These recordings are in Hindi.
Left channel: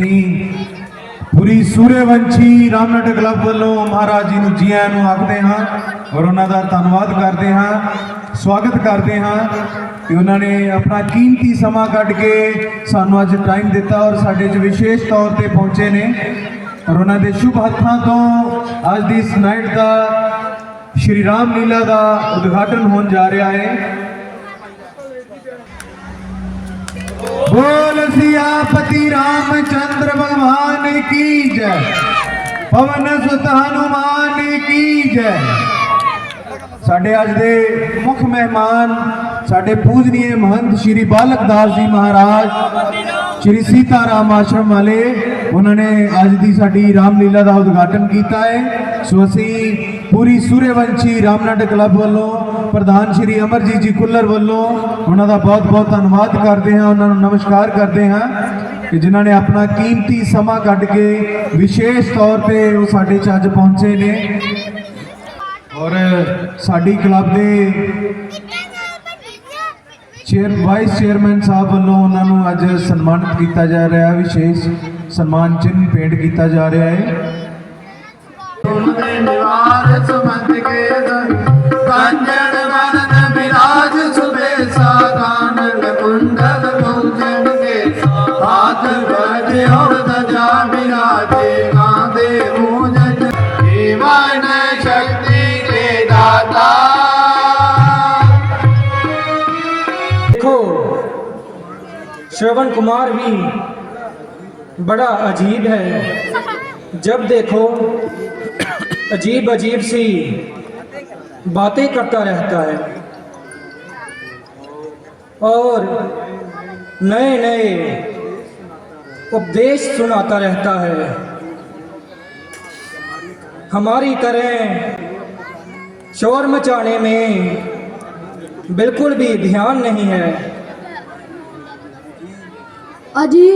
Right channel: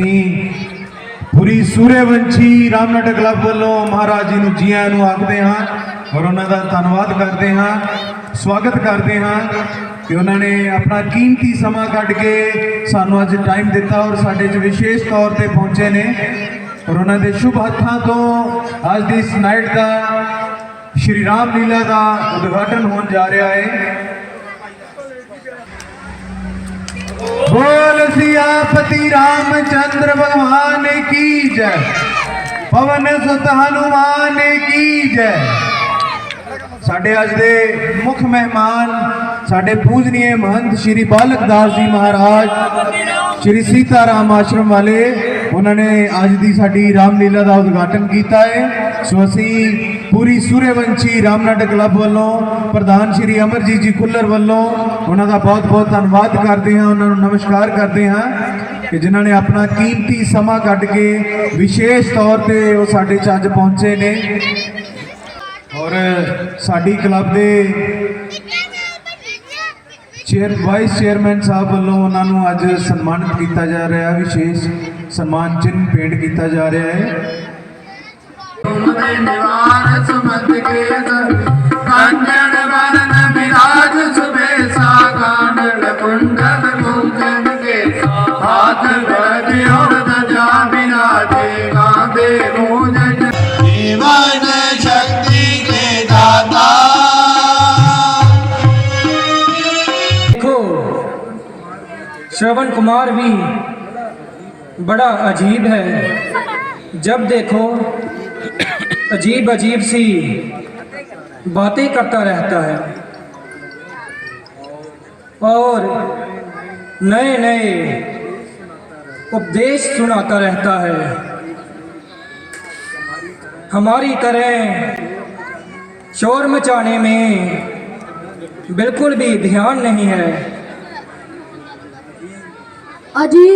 ਅਸੀਂ ਪੂਰੀ ਸੂਰਯਵੰਸ਼ੀ ਰਾਮਨਾਟਕ ਕਲੱਬ ਵੱਲੋਂ ਮਹਾਰਾਜ ਜੀ ਨੂੰ ਜੀ ਆਇਆਂ ਨੂੰ ਆਖਦੇ ਹਾਂ ਔਰ ਉਹਨਾਂ ਦਾ ਧੰਨਵਾਦ ਕਰਦੇ ਹਾਂ, ਸਵਾਗਤ ਕਰਦੇ ਹਾਂ ਕਿ ਉਹਨਾਂ ਨੇ ਆਪਣਾ ਕੀਮਤੀ ਸਮਾਂ ਕੱਢ ਕੇ ਸਾਨੂੰ ਅੱਜ ਟਾਈਮ ਦਿੱਤਾ ਔਰ ਸਾਡੇ 'ਚ ਵਿਸ਼ੇਸ਼ ਤੌਰ ਤੇ ਪਹੁੰਚੇ ਨੇ ਔਰ ਉਹਨਾਂ ਦੇ ਸ਼ੁਭ ਹੱਥਾਂ ਤੋਂ ਅੱਜ ਦੀ ਇਸ ਨਾਈਟ ਦਾ ਸ਼੍ਰੀ ਰਾਮ ਲੀਲਾ ਦਾ ਉਦਘਾਟਨ ਹੋਣ ਜਾ ਰਿਹਾ ਹੈ। बोल सियापति रामचंद्र भगवान की जय, पवन सुत हनुमान की जय। साडे अज दे मुख मेहमान साडे पूजनीय महंत श्री बालक दास जी महाराज श्री सीताराम आश्रम वाले, उन्होंने अज दी साडी रामलीला का उद्घाटन किया है। सो असी पूरी सूर्यवंशी रामनाटक क्लब वालों प्रधान श्री अमरजीत जी खुल्लर वालों उन्होंने बहुत बहुत धन्यवाद करते हैं, उन्होंने नमस्कार करते हैं कि जिन्होंने अपना कीमती समा कढ़ के विशेष तौर पर वो साडे च अज पहुंचे ने और साडी क्लब के वाइस चेयरमैन साहब वालों उन्होंने अज सन्मानित किया जा रहा है, विशेष सम्मान चिन्ह भेंट किया जा रहा है। श्रवण कुमार भी बड़ा अजीब है, जब देखो अजीब अजीब सी बातें करता रहता है और नए नए उपदेश सुनाता रहता है। हमारी तरह शोर मचाने में बिल्कुल भी ध्यान नहीं है। अजी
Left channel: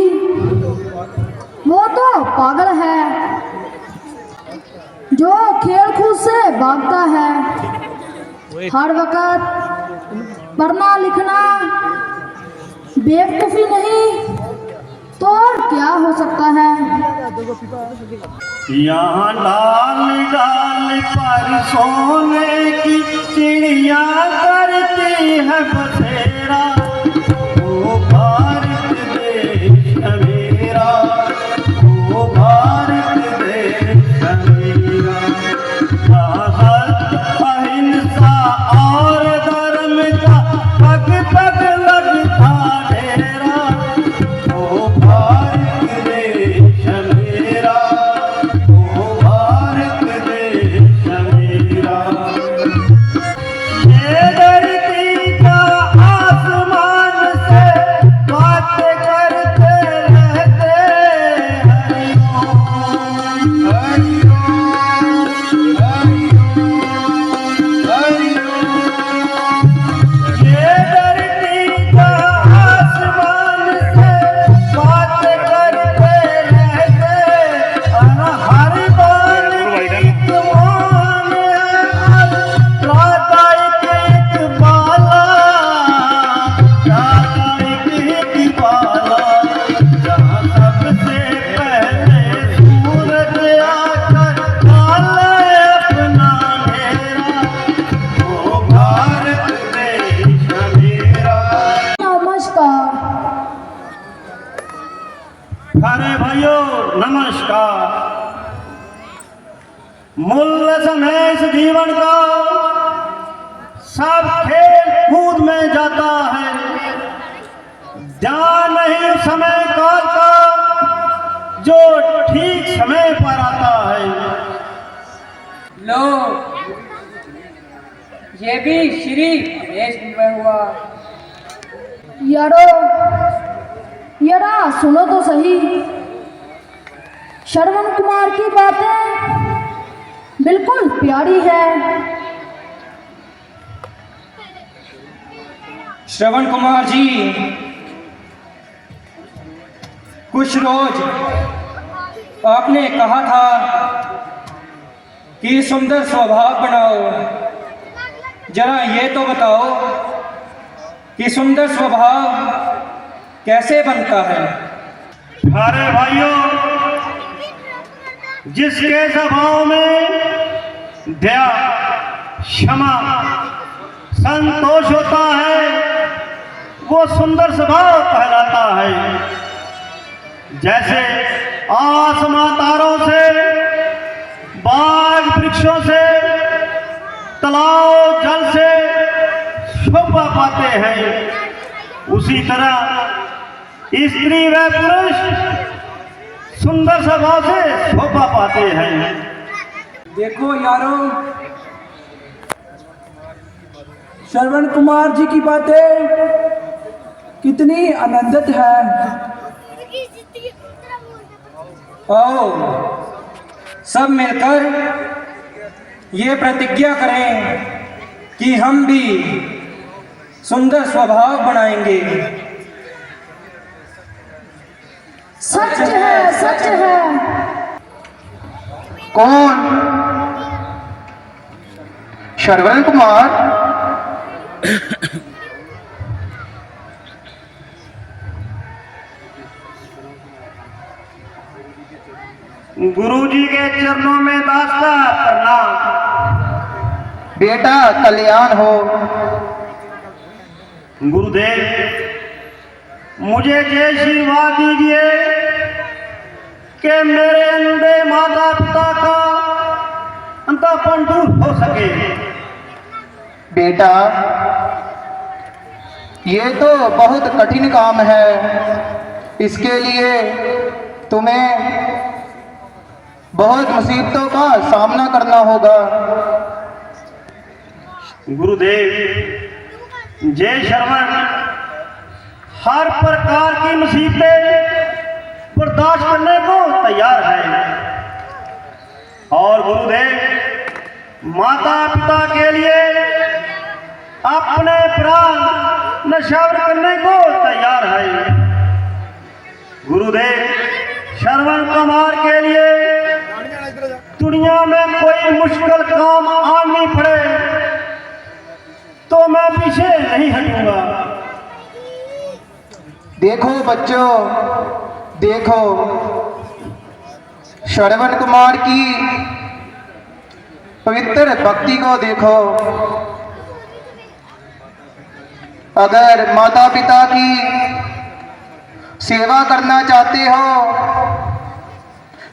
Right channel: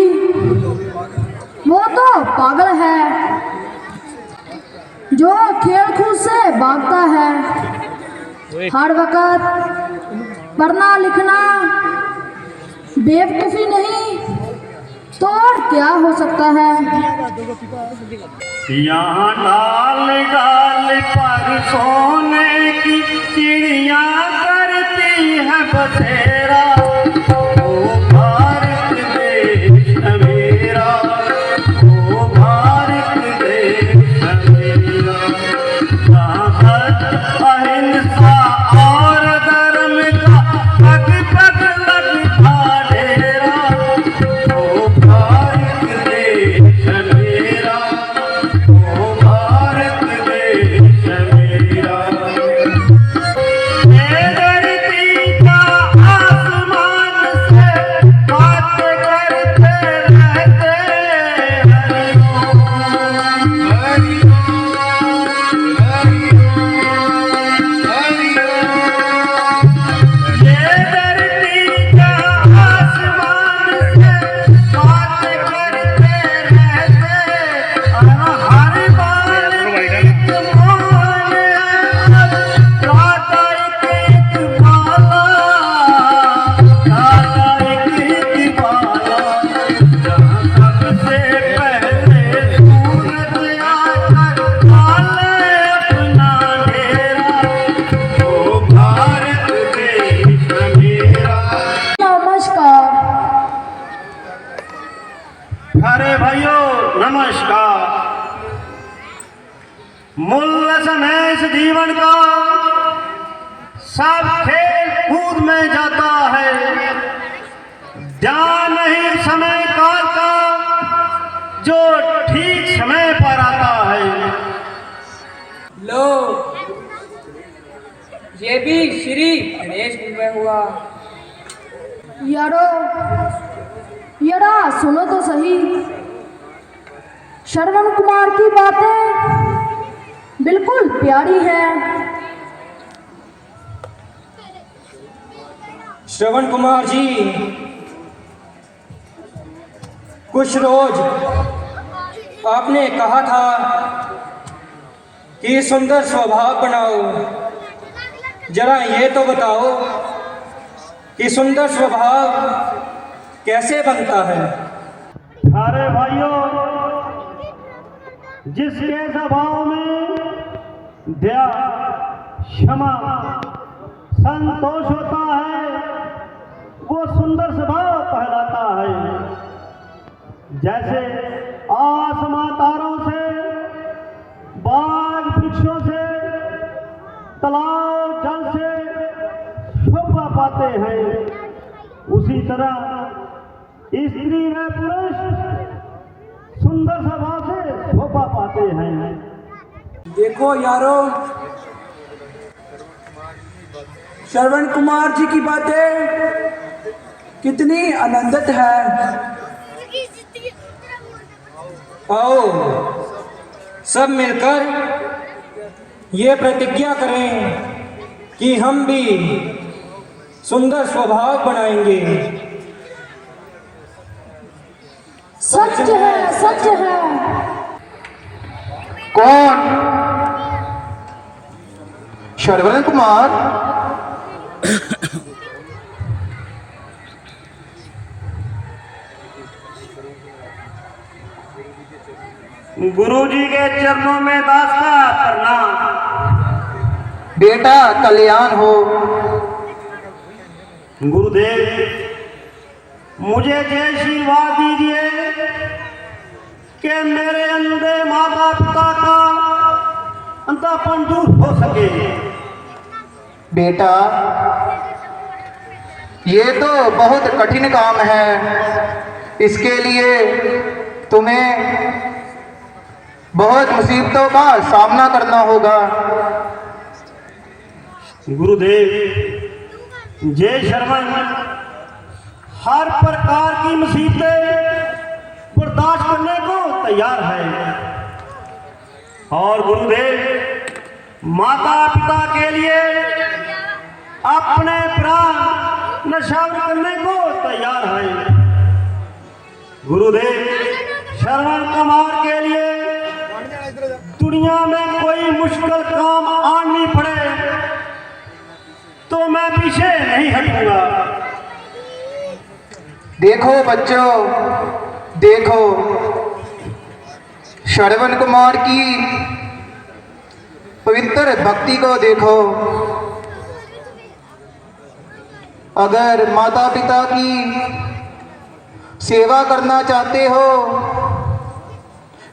वो तो पागल है जो खेल कूद से भागता है, हर वक्त पढ़ना लिखना बेवकूफ़ी नहीं तो और क्या हो सकता है। यहाँ डाल डाल पर सोने की चिड़िया करती है बसेरा, मूल्य समय इस जीवन का सब खेल कूद में जाता है, ध्यान नहीं समय काल का जो ठीक समय पर आता है। लो ये भी श्री गणेश में हुआ। यारो यारा सुनो तो सही, श्रवण कुमार की बातें बिल्कुल प्यारी है। श्रवण कुमार जी कुछ रोज आपने कहा था कि सुंदर स्वभाव बनाओ, जरा ये तो बताओ कि सुंदर स्वभाव कैसे बनता है। प्यारे भाइयों, जिसके स्वभाव में दया, क्षमा, संतोष होता है, वो सुंदर स्वभाव कहलाता है। जैसे आसमां तारों से, बाग वृक्षों से, तालाब जल से शोभा पाते हैं, उसी तरह स्त्री व पुरुष सुंदर स्वभाव से शोभा पाते हैं। देखो यारो, श्रवण कुमार जी की बातें कितनी आनंदित है। आओ सब मिलकर ये प्रतिज्ञा करें कि हम भी सुंदर स्वभाव बनाएंगे। सच है, सच है। कौन? श्रवण कुमार? गुरुजी के चरणों में दास्ता करना। बेटा कल्याण हो। गुरुदेव, मुझे जय आशीर्वाद दीजिए कि मेरे अंधे माता पिता का अंतापन दूर हो सके। बेटा, ये तो बहुत कठिन काम है। इसके लिए तुम्हें बहुत मुसीबतों का सामना करना होगा। गुरुदेव, जय श्रवण हर प्रकार की मुसीबतें बर्दाश्त करने को तैयार है। और गुरुदेव, माता पिता के लिए अपने प्राण न्यौछावर करने को तैयार है। गुरुदेव, श्रवण कुमार के लिए दुनिया में कोई मुश्किल काम आनी पड़े तो मैं पीछे नहीं हटूंगा। देखो बच्चों, देखो श्रवण कुमार की पवित्र भक्ति को देखो। अगर माता पिता की सेवा करना चाहते हो,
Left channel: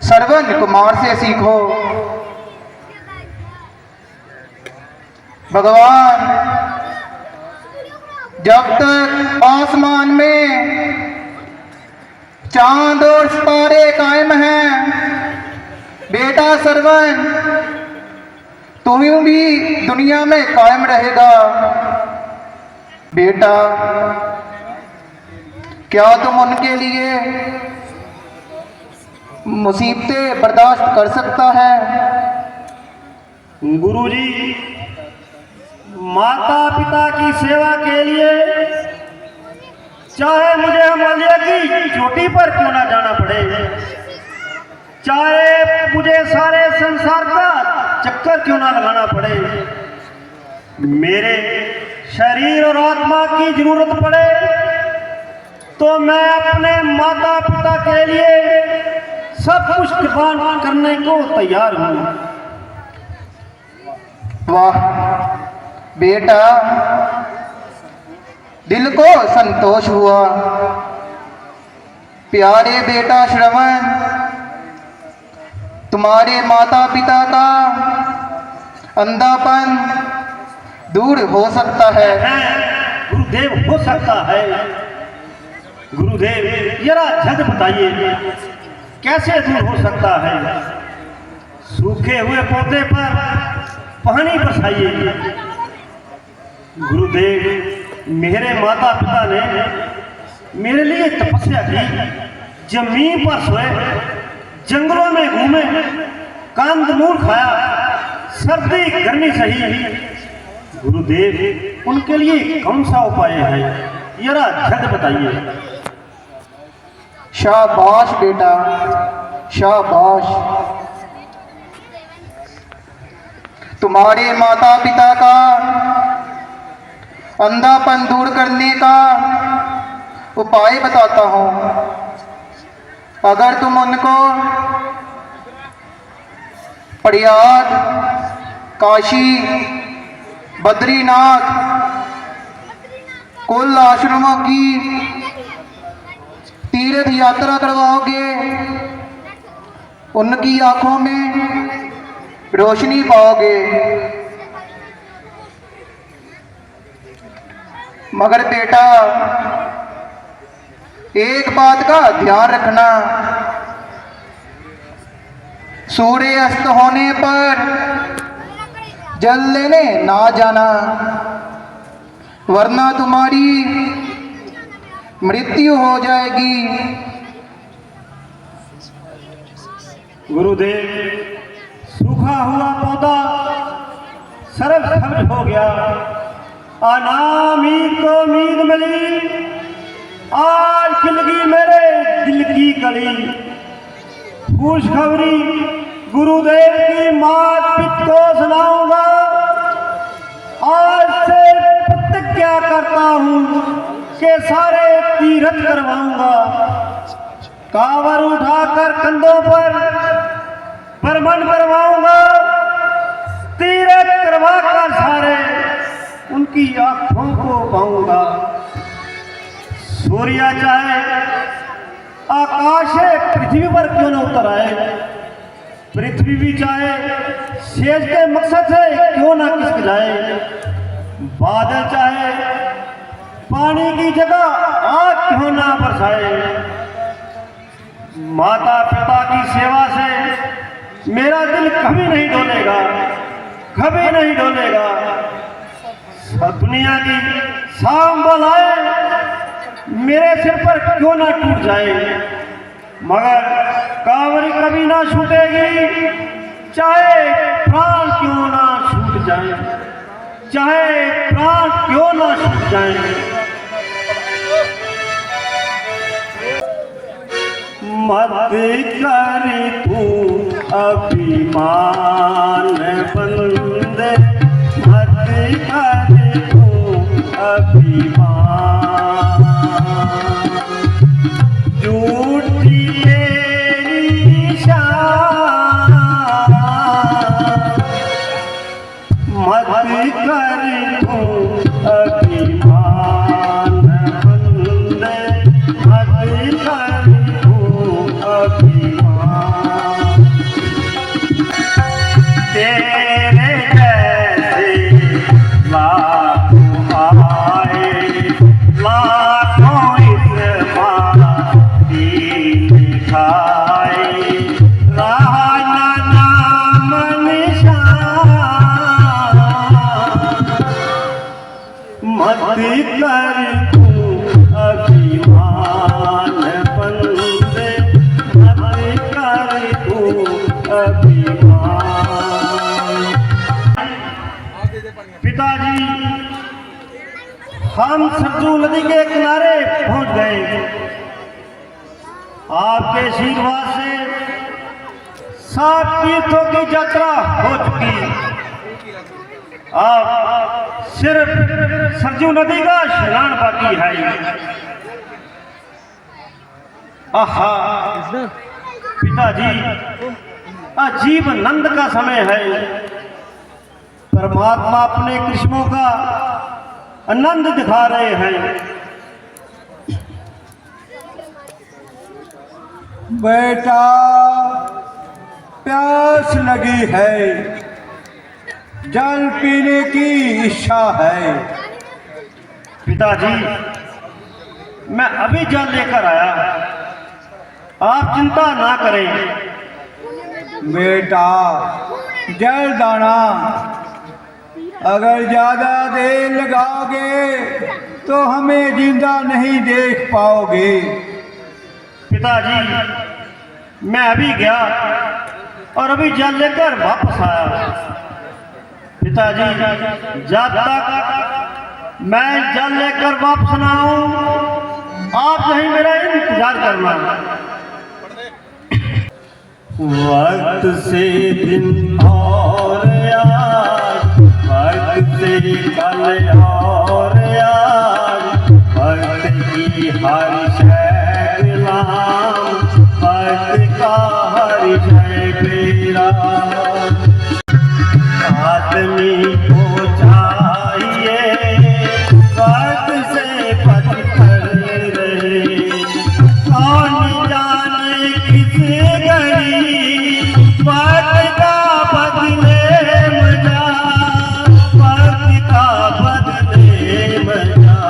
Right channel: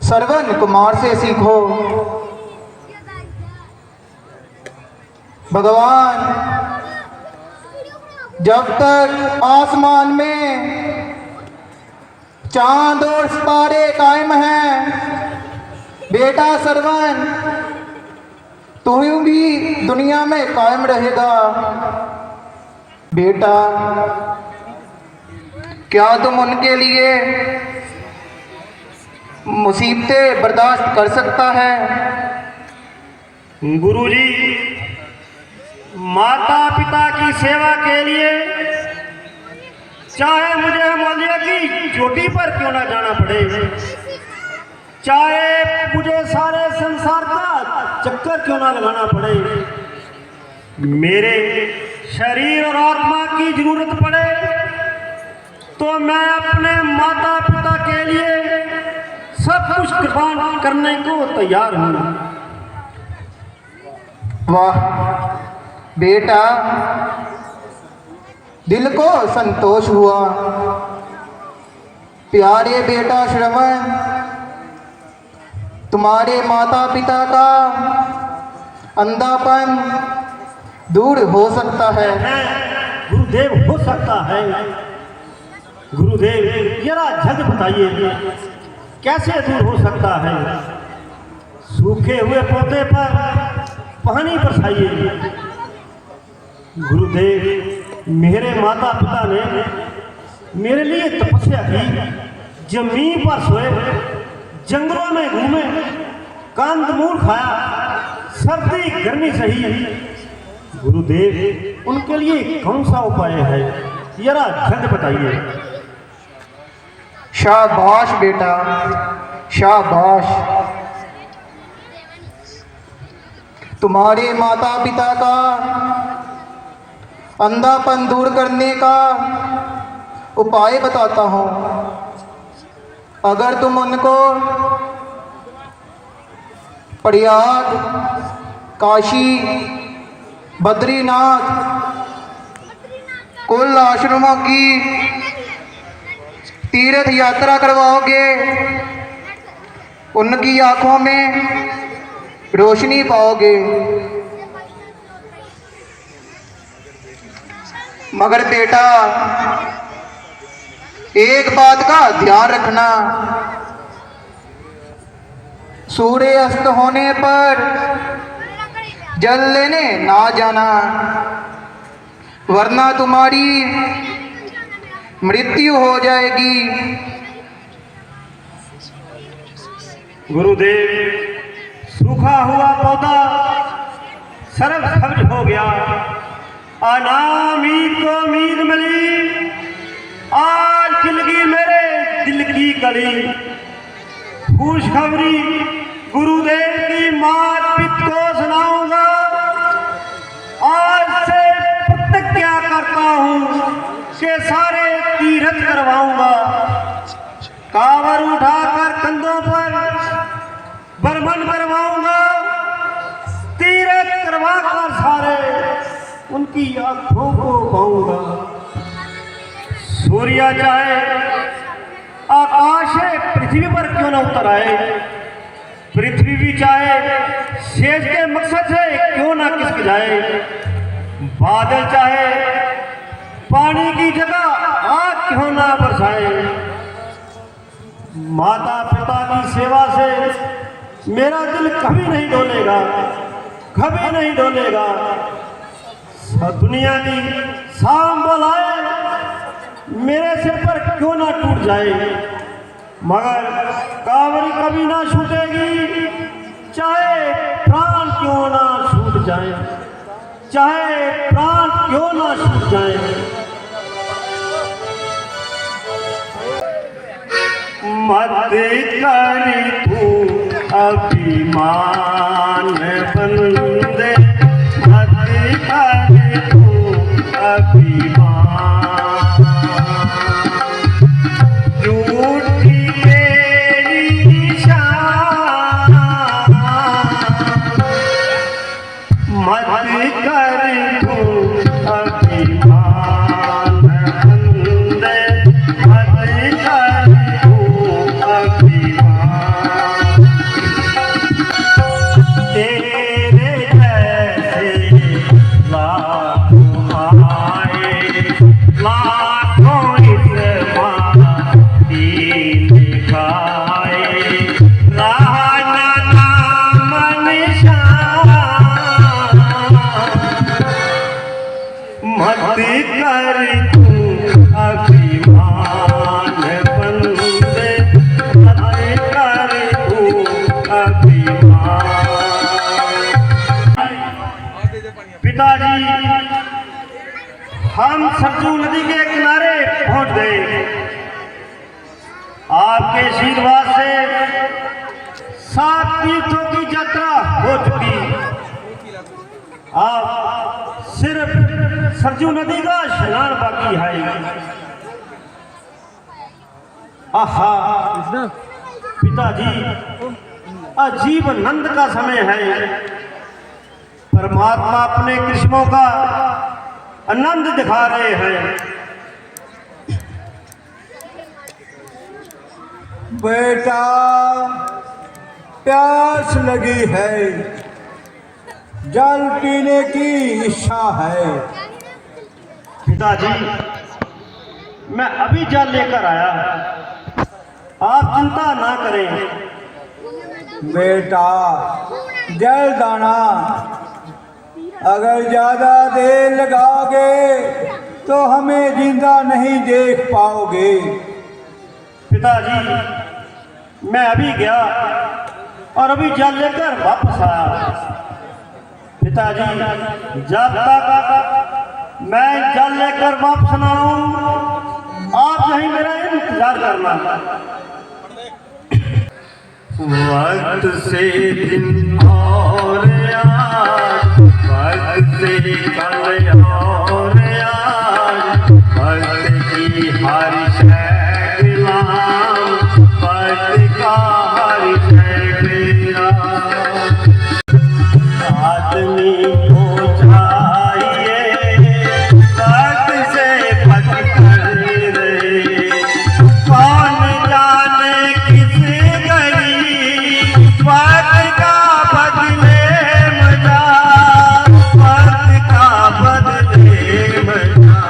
श्रवण कुमार से सीखो। भगवान जब तक आसमान में चांद और सितारे कायम हैं, बेटा श्रवण तू भी दुनिया में कायम रहेगा। बेटा, क्या तुम उनके लिए मुसीबतें बर्दाश्त कर सकता है? गुरुजी, माता पिता की सेवा के लिए चाहे मुझे हिमालय की चोटी पर क्यों ना जाना पड़े, चाहे मुझे सारे संसार का चक्कर क्यों ना लगाना पड़े, मेरे शरीर और आत्मा की जरूरत पड़े तो मैं अपने माता पिता के लिए सब कुछ कुर्बान करने को तैयार हूँ। वाह बेटा, दिल को संतोष हुआ। प्यारे बेटा श्रवण, तुम्हारे माता पिता का अंधापन दूर हो सकता है। गुरुदेव, हो सकता है। गुरुदेव, जरा झट बताइए कैसे दूर हो सकता है? सूखे हुए पौधे पर पानी बरसाइए। गुरुदेव, मेरे माता पिता ने मेरे लिए तपस्या की, जमीन पर सोए, जंगलों में घूमे, कंदमूल खाया, सर्दी गर्मी सही। गुरुदेव, उनके लिए कौन सा उपाय है, जरा झट बताइए। शाबाश बेटा, शाबाश। तुम्हारे माता पिता का अंधापन दूर करने का उपाय बताता हूँ। अगर तुम उनको प्रयाग, काशी, बद्रीनाथ कुल आश्रमों की तीर्थ यात्रा करवाओगे, उनकी आंखों में रोशनी पाओगे। मगर बेटा, एक बात का ध्यान रखना, सूर्य अस्त होने पर जल लेने ना जाना, वरना तुम्हारी मृत्यु हो जाएगी। गुरुदेव, सूखा हुआ पौधा सरल सब्ज हो गया, अनामीद को उम्मीद मिली, आज खिलगी मेरे दिल की कली। खुशखबरी गुरुदेव की मात पिता को सुनाऊंगा, आज से प्रतिज्ञा करता हूँ कि सारे तीर्थ करवाऊंगा। कांवर उठाकर कंधों पर बरमन करवाऊंगा, तीर्थ करवाकर सारे उनकी आंखों को पाऊंगा। सूर्य चाहे आकाश पृथ्वी पर क्यों न उतर आए, पृथ्वी भी चाहे शेष के मकसद से क्यों न खिसक जाए, बादल चाहे पानी की जगह आग क्यों ना बरसाए, माता पिता की सेवा से मेरा दिल कभी नहीं डोलेगा, कभी नहीं डोलेगा। दुनिया की सांभल आए मेरे सिर पर क्यों ना टूट जाए, मगर कांवरी कभी ना छूटेगी, चाहे प्राण क्यों ना छूट जाए, चाहे प्राण क्यों ना छूट जाए। मत कर तू अभिमान बंदे, मत कर तू अभिमान, झूठी तेरी शान, मत कर तू अभिमान बंदे, मत कर तू अभिमान। तेरे जैसे लाखों आए, लाखों इस माटी दिखाए, ना नाम निशान, मत कर तू अभिमान बंदे, मत कर तू अभिमान। पिताजी, हम सरजू नदी के किनारे पहुंच गए। आपके आशीर्वाद से 7 तीर्थों की यात्रा हो चुकी। अब सिर्फ सरजू नदी का स्नान बाकी है। आहा पिताजी, अजीब आनंद का समय है। परमात्मा अपने कृष्णों का आनंद दिखा रहे हैं। बेटा, प्यास लगी है, जल पीने की इच्छा है। पिताजी, मैं अभी जल लेकर आया, आप चिंता ना करें। बेटा, जल दाना अगर ज्यादा देर लगाओगे तो हमें जिंदा नहीं देख पाओगे। पिताजी, मैं अभी गया और अभी जल लेकर वापस आया। पिताजी, जब तक मैं जल लेकर वापस ना आऊं, आप यहीं मेरा इंतजार करना। वक्त से दिन और आज, वक्त से कल और आज, वक्त की हर शय गुलाम मेरा। आदमी को चाहिए वक्त से पथ कर रहे, कौन जाने किस घड़ी वक्त का बदले मजा, वक्त का बदले मजा।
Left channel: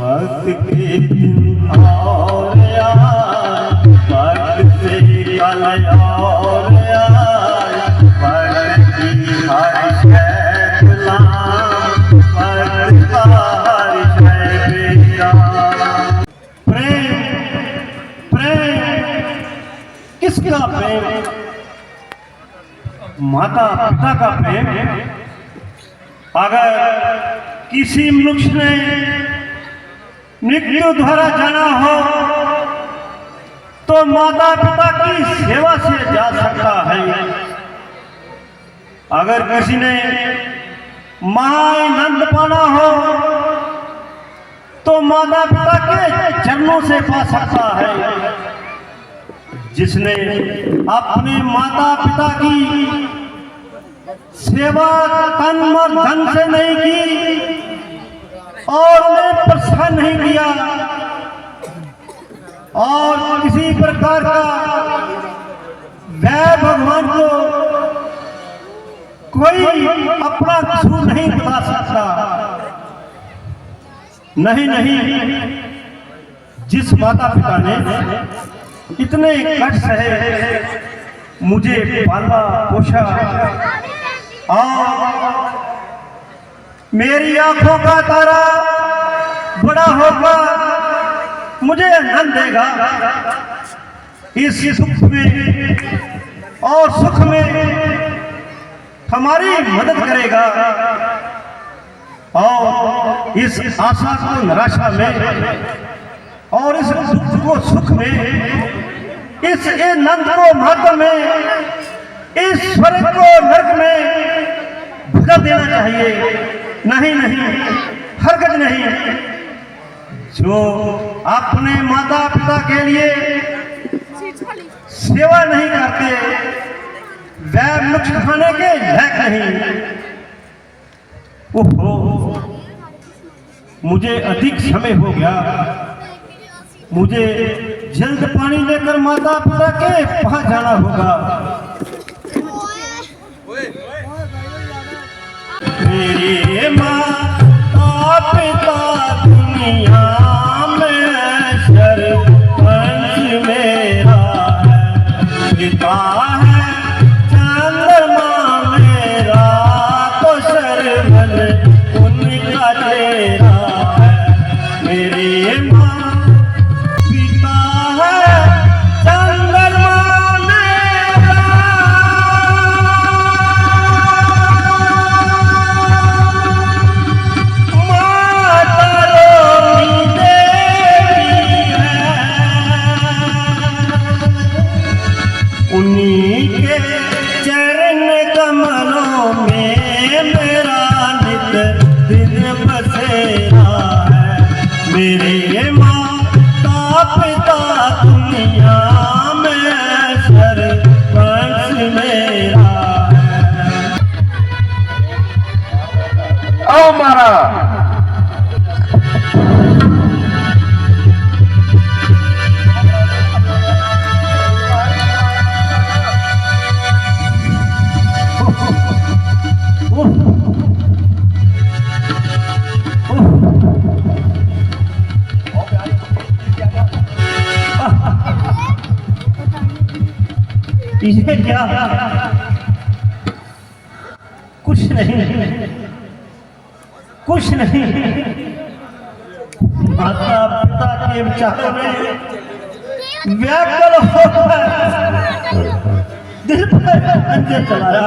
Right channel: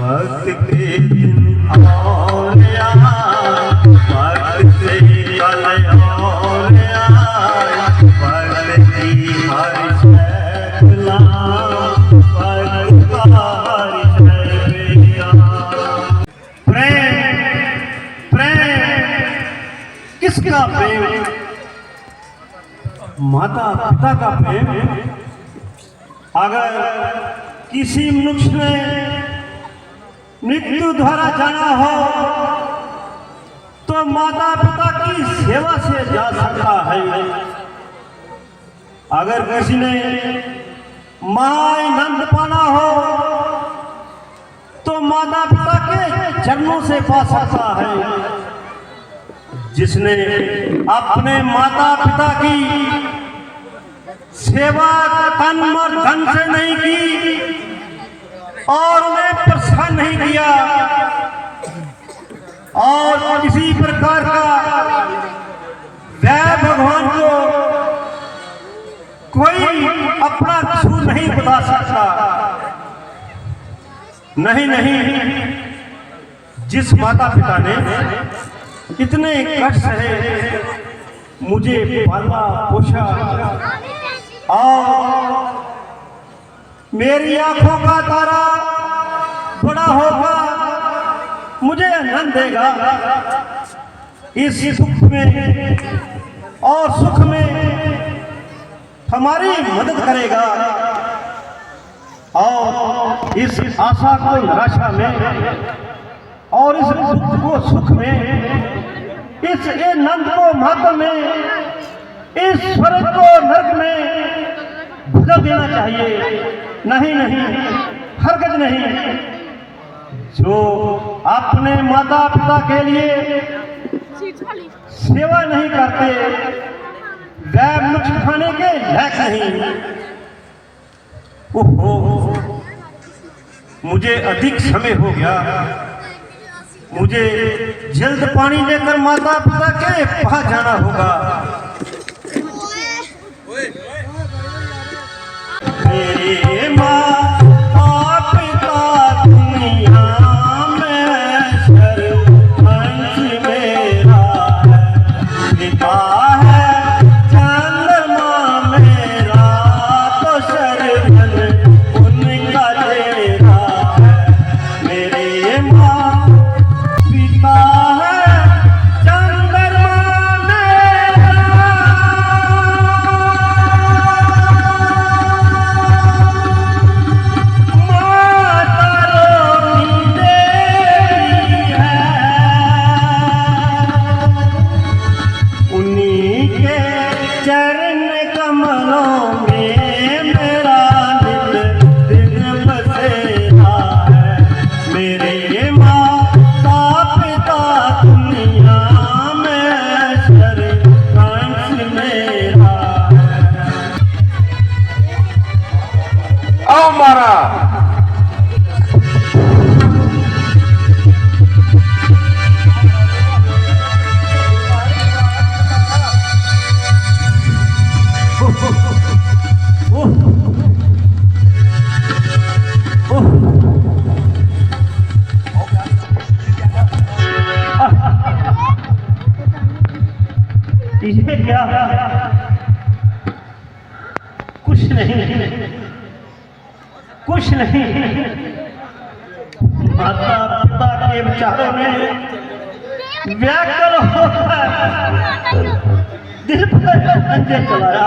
वक्त के दिन और आए, वक्त से कल और आए, वक्त की हर शय गुलाम, वक्त का हर शय बेरा। प्रेम प्रेम किसका प्रेम? माता पिता का प्रेम। अगर किसी मनुष्य ने मृत्यु द्वारा जाना हो तो माता पिता की सेवा से जा सकता है। अगर किसी ने महानंद पाना हो तो माता पिता के चरणों से पा सकता है। जिसने अपने माता पिता की सेवा तन मन धन से नहीं की और उन्हें परेशान नहीं किया और किसी प्रकार का वह भगवान को कोई अपना कसूर नहीं बता सकता। नहीं नहीं, जिस माता पिता ने इतने कष्ट सहे, मुझे पाला पोषा और मेरी आंखों का तारा बड़ा होगा, मुझे आनंद देगा, इस सुख में और सुख में हमारी मदद करेगा और इस आशा को निराशा में और इस दुख को सुख में, इस आनंद को महत्व में, इस स्वर्ग को नरक में बदल देना चाहिए। नहीं नहीं, हरकत नहीं। जो अपने माता पिता के लिए सेवा नहीं करते वह मुख खाने के लायक नहीं। ओहो, मुझे अधिक समय हो गया, मुझे जल्द पानी लेकर माता पिता के पास जाना होगा। मेरी माँ पिता दुनिया में सरपंच मेरा है, पिता है चंद्रमा मेरा तो सरवन उनका तेरा है। मेरी माँ पिता है चंद्रमा मेरा। उन्हीं के चरण कमलों में मेरा नित दिन बसेरा है। मेरे माता पिता दुनिया में सरपंच मेरा है। आओ मारा ये क्या? कुछ नहीं, कुछ नहीं। माता पिता के विचारों में व्याकुल होकर दिल पर अंजन चलाया।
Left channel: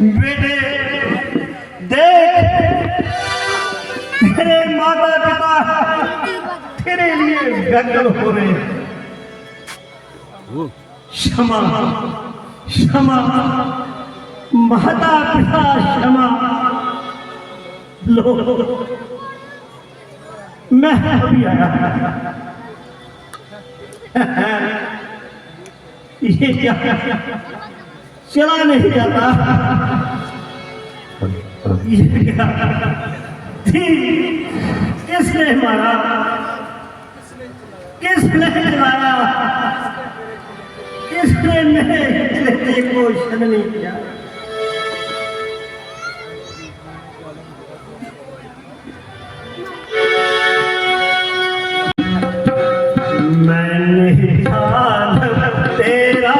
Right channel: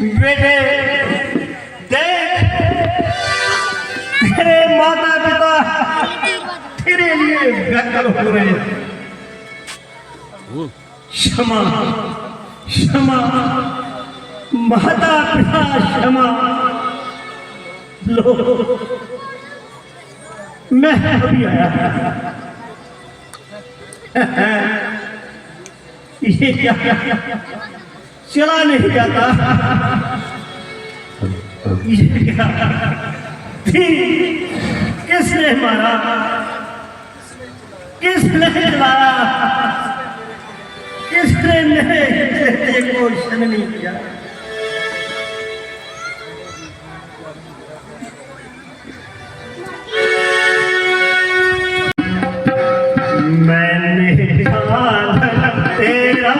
बेटे देख, तेरे माता पिता तेरे लिए व्याकुल हो रहे हैं। क्षमा क्षमा माता पिता, क्षमा लो। मैं अभी आया। ये क्या चला नहीं जाता, ये क्या थी, किसने मारा, किसने चलाया, किसने मेरे को शन नहीं किया। मैंने जान तेरा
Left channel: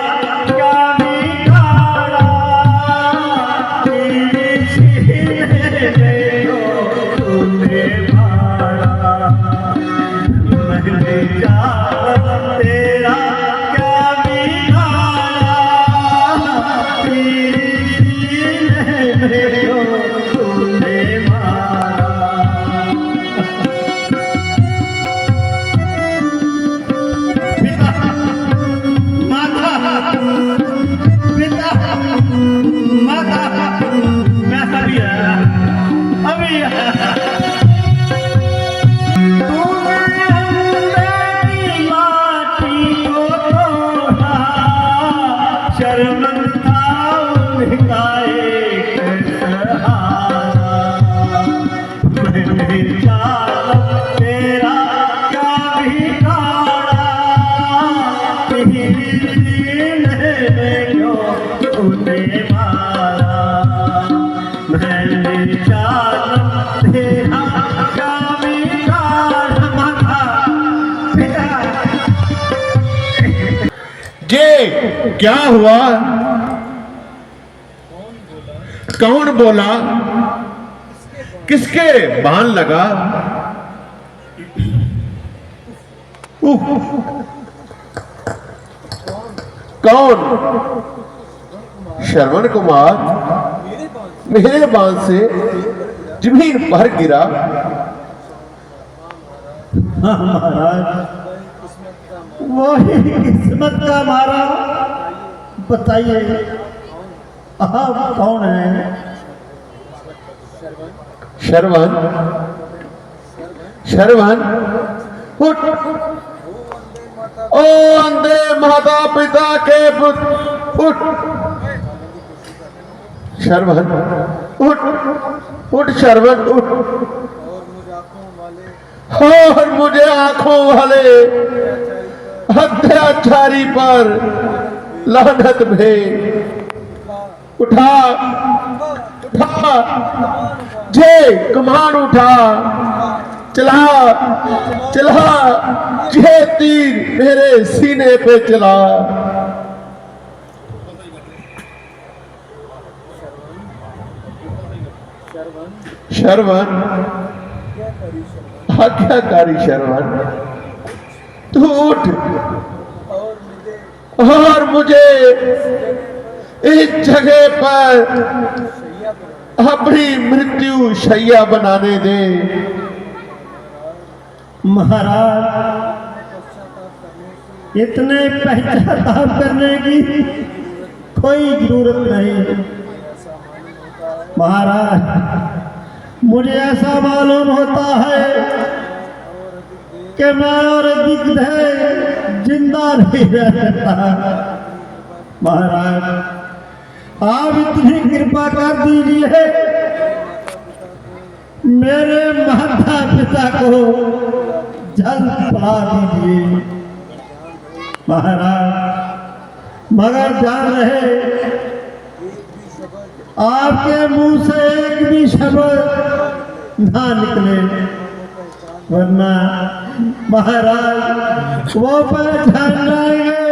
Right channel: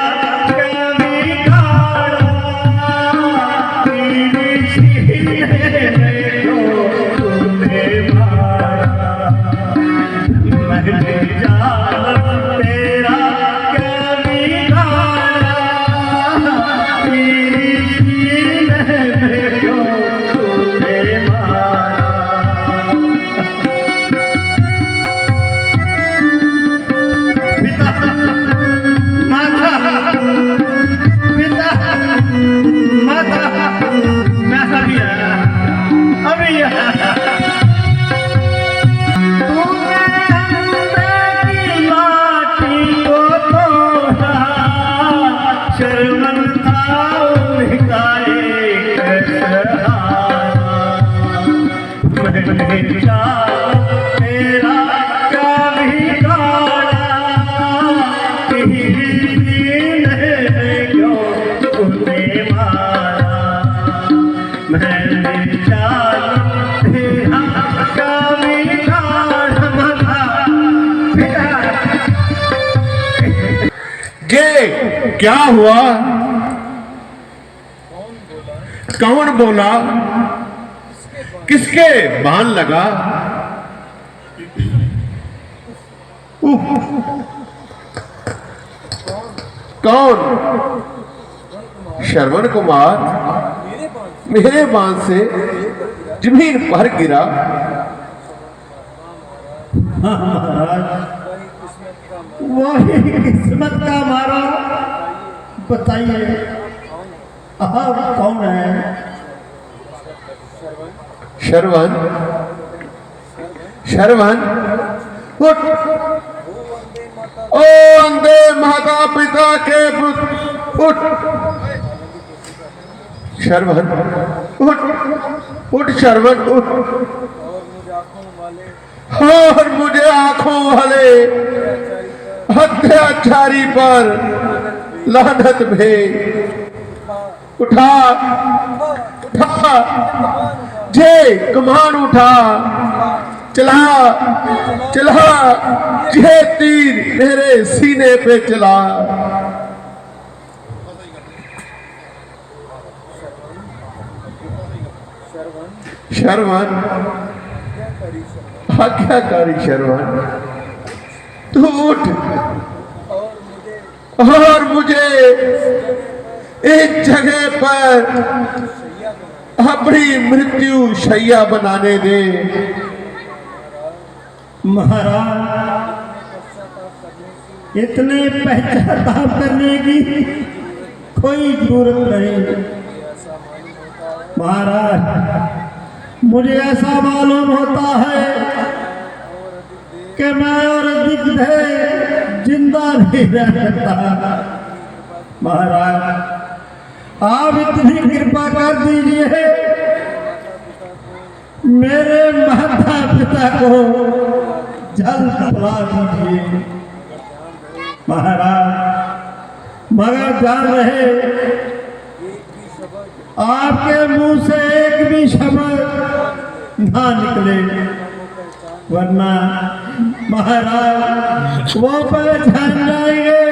क्या बिगाड़ा, तेरे सीने में जो तूने मारा। मैंने जान तेरा क्या बिगाड़ा, तेरे सीने में जो तूने मारा। तेरा क्या बिगाड़ा, तेरे सीने में जो तूने मारा। मैंने जान तेरा क्या बिगाड़ा, ये क्या हुआ? कौन बोला? किसके बाण लगा? कौन? श्रवण कुमार मेरे बाण से जमीन पर गिरा। महाराज वही किस्मत का मारा। बताइए आप कौन है? श्रवण, श्रवण उठ। ओ अंधे माता पिता के पुत्र उठ। श्रवण उठ, उठ श्रवण उठ। और मुझे आंखों वाले अत्याचारी पर लानत भेज। उठा उठा, जय कमान उठा, चला चला, जय तीर मेरे सीने पे चला। श्रवण आज्ञाकारी श्रवण, तू उठ और मुझे इस जगह पर अपनी मृत्यु शैया बनाने दे। महाराज इतने पश्चाताप करने की कोई जरूरत नहीं। महाराज मुझे ऐसा मालूम होता है कि मैं और दिग्विजय जिंदा नहीं रह सकता। महाराज आप इतनी कृपा कर दीजिए, मेरे माता पिता को जल्द बुला दीजिए। महाराज मगर जान रहे आपके मुंह से एक भी शब्द ना निकले, वरना महाराज वो पहचान जाएंगे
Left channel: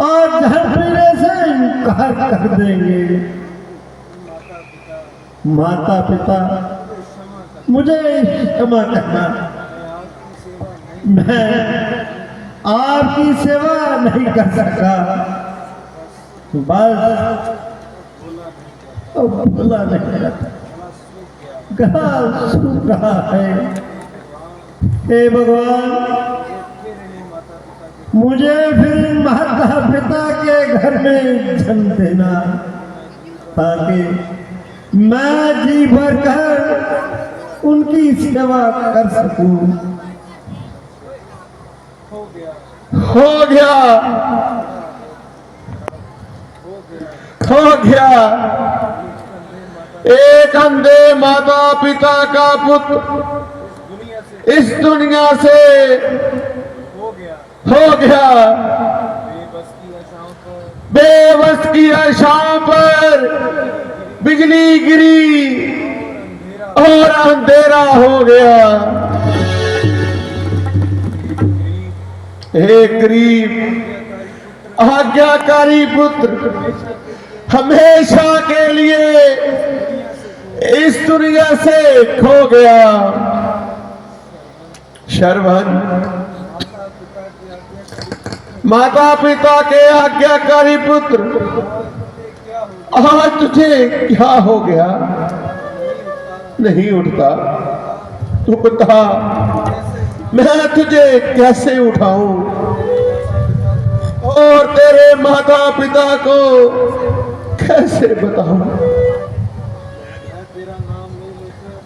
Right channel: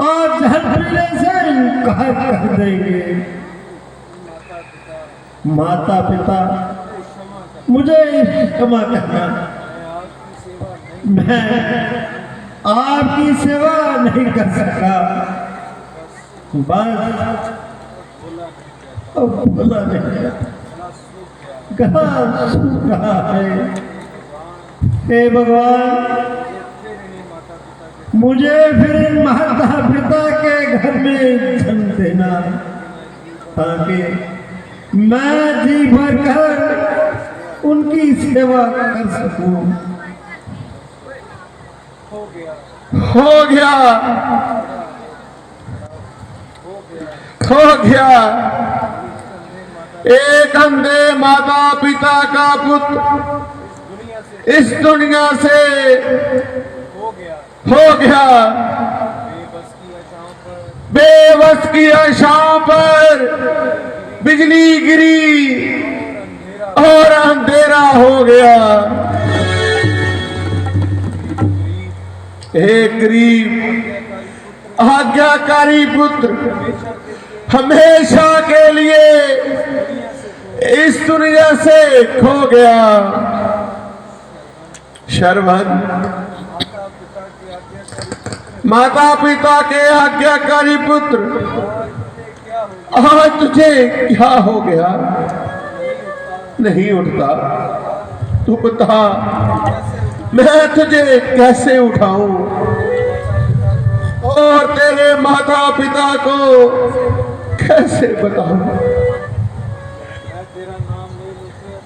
और झड़पीने से इनकार कर देंगे। माता पिता मुझे क्षमा करना, मैं आपकी सेवा नहीं कर सकता। बस अब बुला नहीं कहाँ सूख रहा है। हे भगवान मुझे फिर माता पिता के घर में जन्म देना, ताकि मैं जी भर कर उनकी सेवा कर सकूं। हो गया खो गया। एक अंधे माता पिता का पुत्र इस दुनिया से हो गया। बेबस की आशा पर बिजली गिरी और अंधेरा हो गया। एक गरीब आज्ञाकारी पुत्र हमेशा के लिए इस दुनिया से खो गया। श्रवण, माता पिता के आज्ञाकारी पुत्र, आज तुझे क्या हो गया? नहीं उठता? तू बता, मैं तुझे कैसे उठाऊं और तेरे माता पिता को कैसे बताऊं?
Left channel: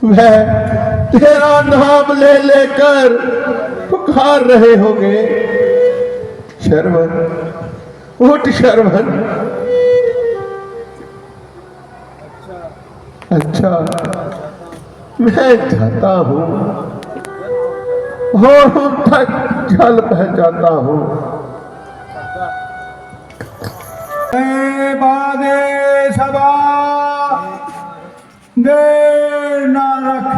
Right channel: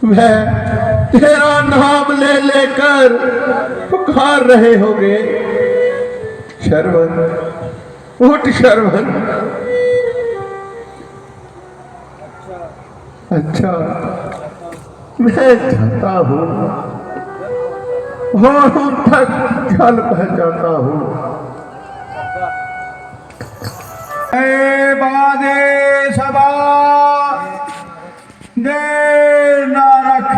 मैं तेरा नाम ले लेकर पुकार रहे होंगे। श्रवण, उठ श्रवण। अच्छा, मैं जाता हूँ और उन तक जल बह जाता हूँ। बादे सबा देर ना रख,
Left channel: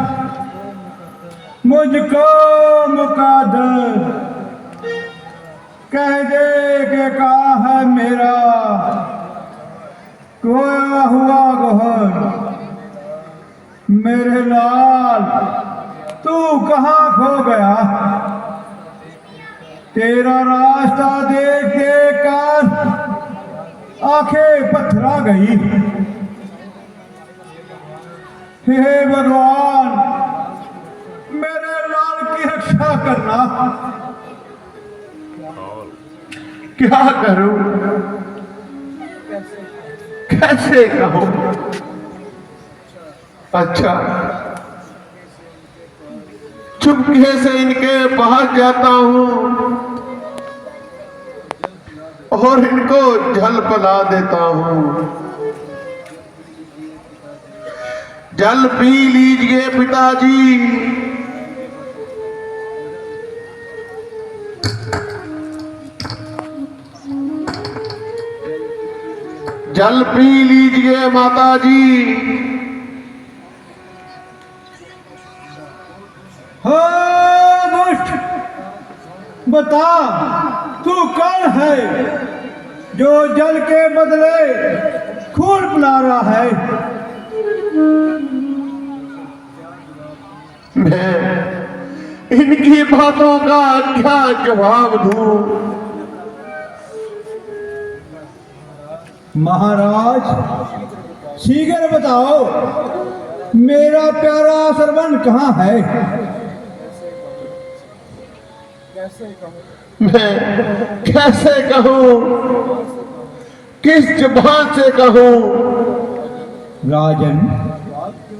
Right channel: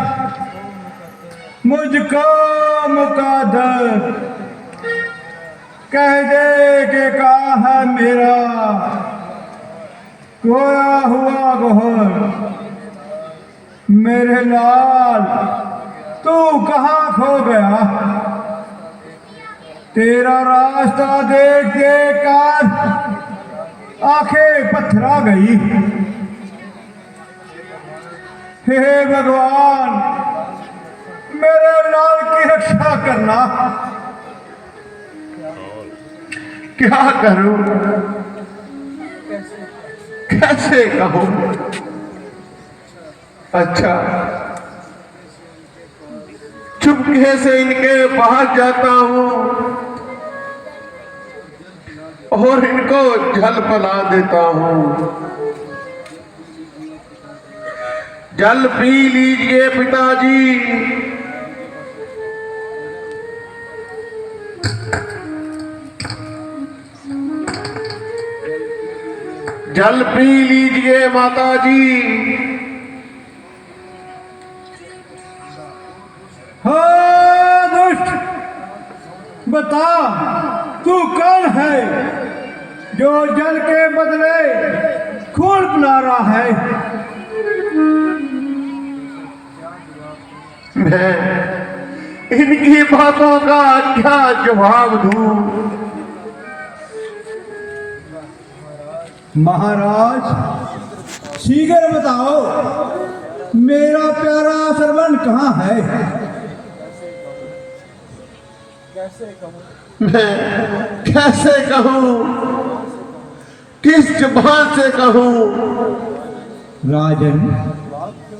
मुझको मुकद्दर कह दे कि कहाँ है मेरा खोया हुआ गोहर। मेरे लाल, तू कहाँ खो गया? तेरा रास्ता देख कर आंखें पथरा गई। हे भगवान, मेरे लाल की रक्षा करना। क्या करूं? कैसे कहूं? अच्छा, चुपके से इनके पास जाता हूं और इनको जल पिला देता हूं। जल पी लीजिए पिताजी। जल पी लीजिए माताजी। हाँ दुष्ट, बता तू कौन है जो जल के बदले खून पिला रहा है? मैं इनकी बातों का क्या जवाब दूं? महाराज, शीघ्र बताओ, मेरा प्यारा सरवन कहाँ है? मैं कैसे कहूँ? किस जबान से कहूँ? राजन,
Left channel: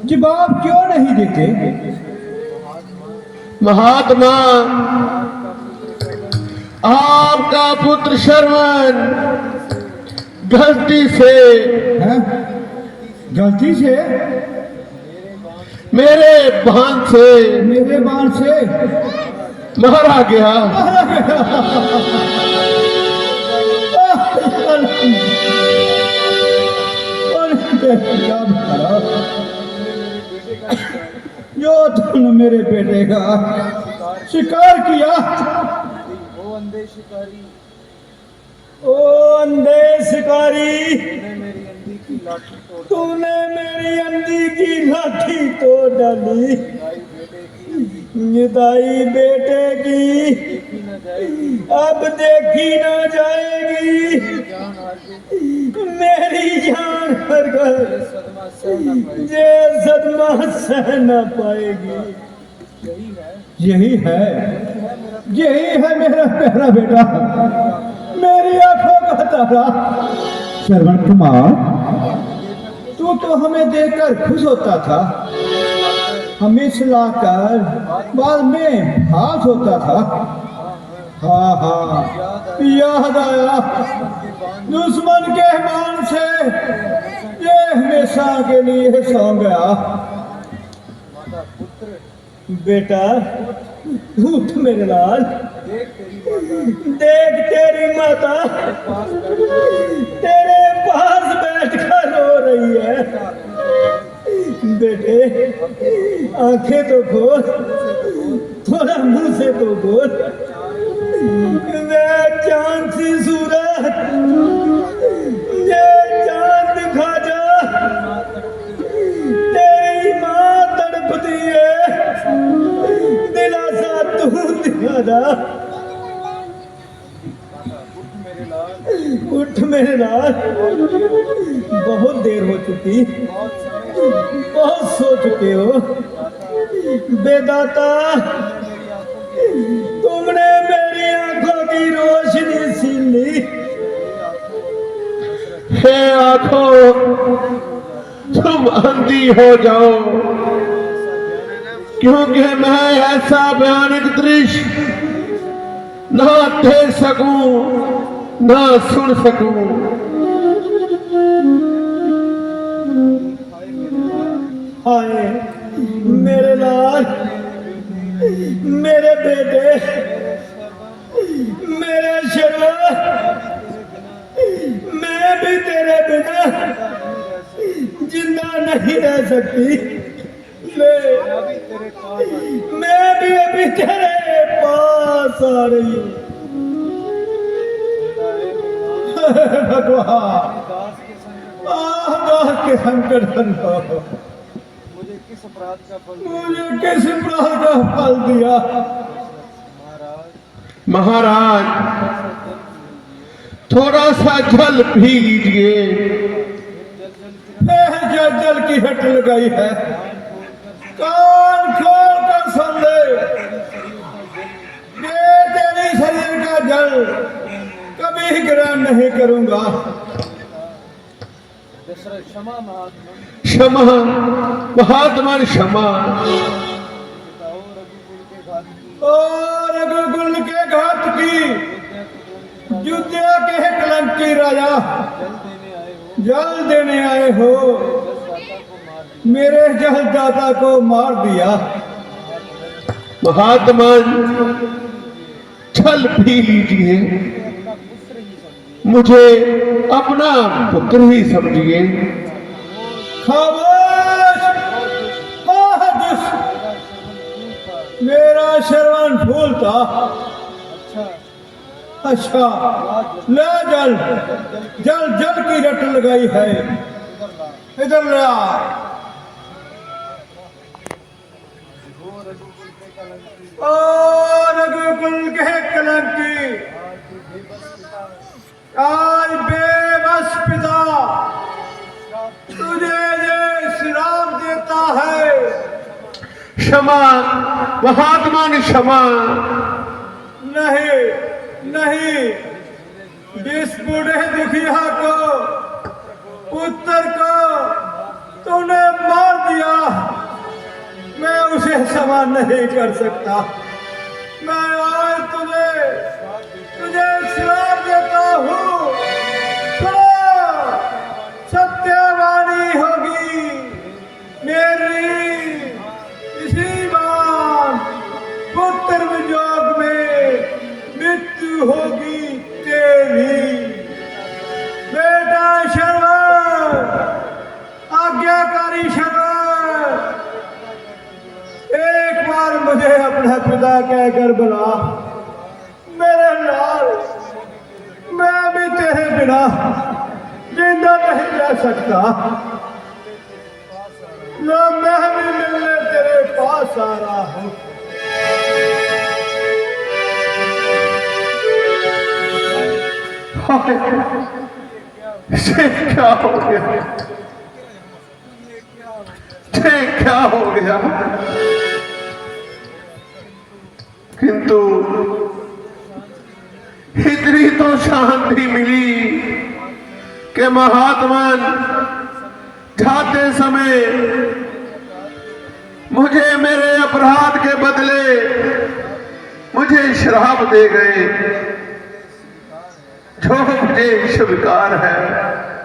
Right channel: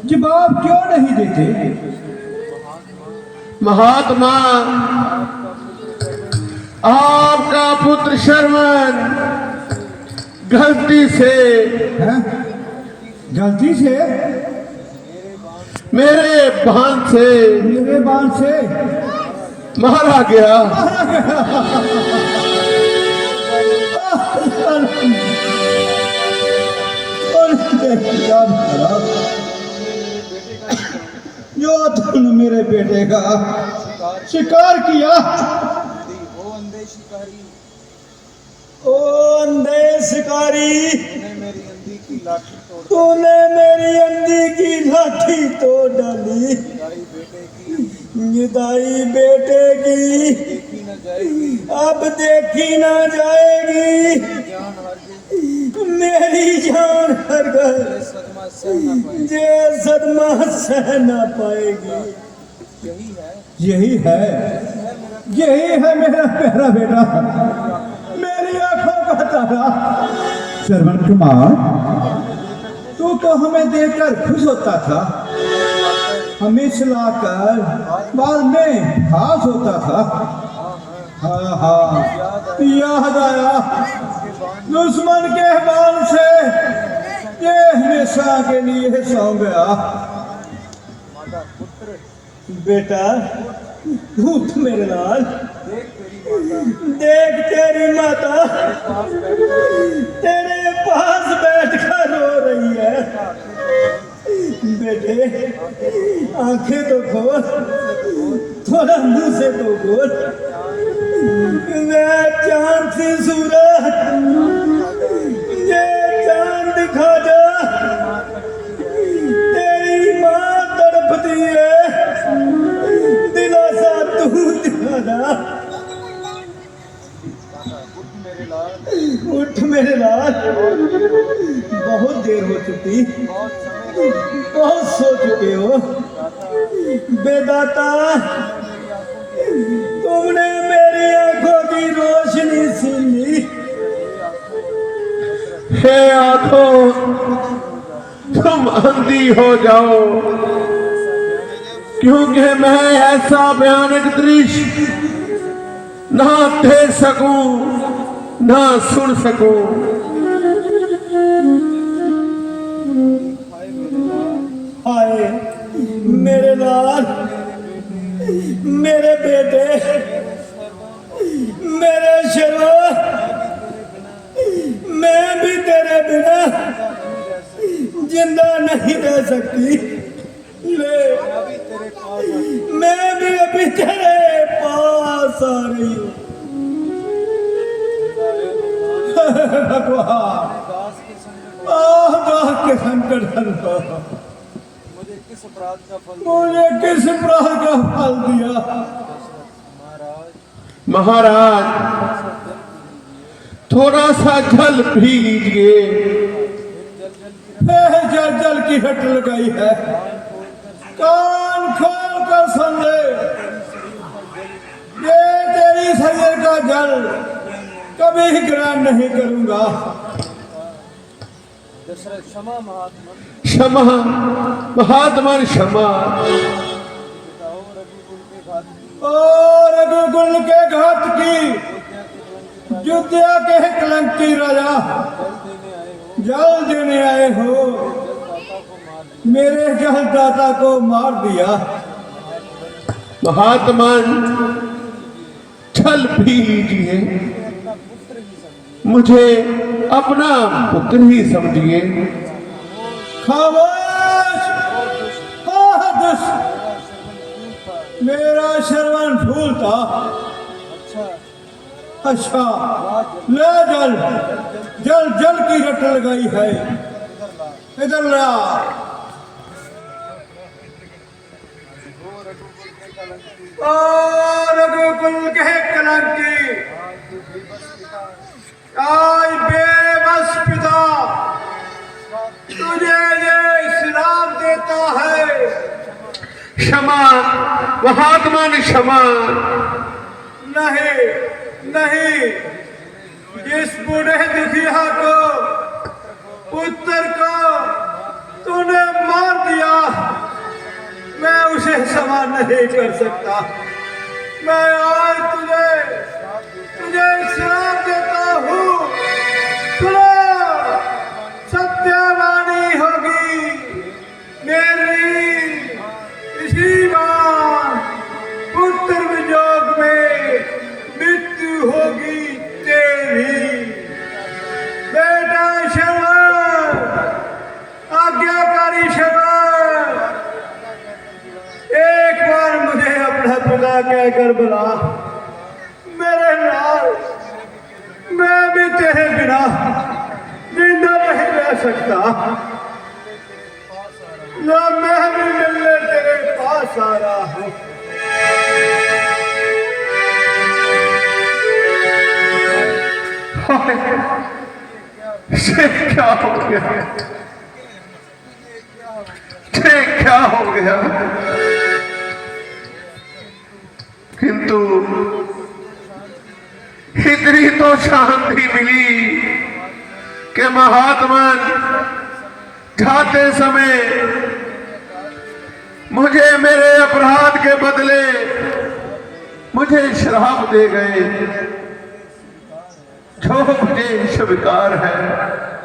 जवाब क्यों नहीं देते? महात्मा, आपका पुत्र श्रवण गलती से मेरे बाण से मारा गया। जो तुमने मेरे बेटे का शिकार किया। ओ अंधे शिकारी, तूने मेरी अंधी की लाठी तोड़ डाली। जुदाई बेटे की अब देखी ना जाएगी। मेरी जान हर गए, ये सदमा सह न पाएगी। यही है मेरा प्यारा बेटा, मेरी आंखों का तारा। श्रवण कुमार, तू तो हमें देखकर खुश होता था, हमें सुलाकर बाद में भास होता था। हाँ, याद आया दुश्मन के बाण से ये हमेशा के लिए सो गया। बेटा उठ मेरे लाल, देख तेरी माता तेरे पास बैठकर रो रही है। बेटे आंखें तो खोल, थोड़ा मुंह से तो बोल। वे चांद सी सूरत ये चांद दिखा जा, तेरी माँ तड़पती है, दिलासा तू दिखा जा। उठ मेरे लाल, बहुत देर हो चुकी, बहुत सो चुके हो। बेदाता तुमने मेरी आंखों की रोशनी छीन ली। हे आंखों, तुम अंधी हो जाओ, क्योंकि मैं ऐसा भयानक दृश्य ना देख सकूं ना सुन सकूं। हाय मेरे लाल, मेरे बेटे, मेरे शर्मा, मैं भी तेरे बिना जिंदा नहीं रह सकती। ले मैं भी अभी तेरे पास आ रही हूँ। भगवान दास के संकट हलो, मुझे किस अपराध का फल दिया। महाराज थोड़ा सा जल पी लीजिए। जल जल की हट लगाई है, कान खोल कर सुन ले। ये तेरी शरीर का जल कभी ग्रहण नहीं करूंगा। क्षमा महात्मा, क्षमा। और रघुकुल के घात की युद्धिया के कलंकी राजा जल देने आए हो, मेरे जलदाता को मार दिया। महात्मा जल पी लीजिए, मुझे अपना पुत्र ही समझिए। खामोश, मेरा श्रवण फूल था। अच्छा ले जल, जल जल की रट लगाई है, इधर ले आ। रघुकुल के कलंकी आज बेबस पिता तुझे ये श्राप देता है। क्षमा महात्मा ने क्षमा। नहीं नहीं, जिस बूढ़े दुखिया को पुत्र को तूने मार दिया, मैं उसे क्षमा नहीं कर सकता। मैं आज तुझे श्राप देता हूँ। सुनो, सत्यवाणी होगी मेरी, इसी बार पुत्र वियोग में मृत्यु होगी तेरी। बेटा शरण, आज्ञाकारी शरण, एक बार मुझे अपना पिता कहकर बुला। मेरे लाल, मैं भी तेरे बिना जिंदा नहीं रह सकता। ना मैं भी मिलने तेरे पास आ रहा हूँ। क्या हो गया? क्या हो गया? किंतु इतनी तो शांति मिली कि महात्मा जाते समय मुझे मेरे अपराध के बदले मुझे श्राप दे गए। जो मुझे स्वीकार है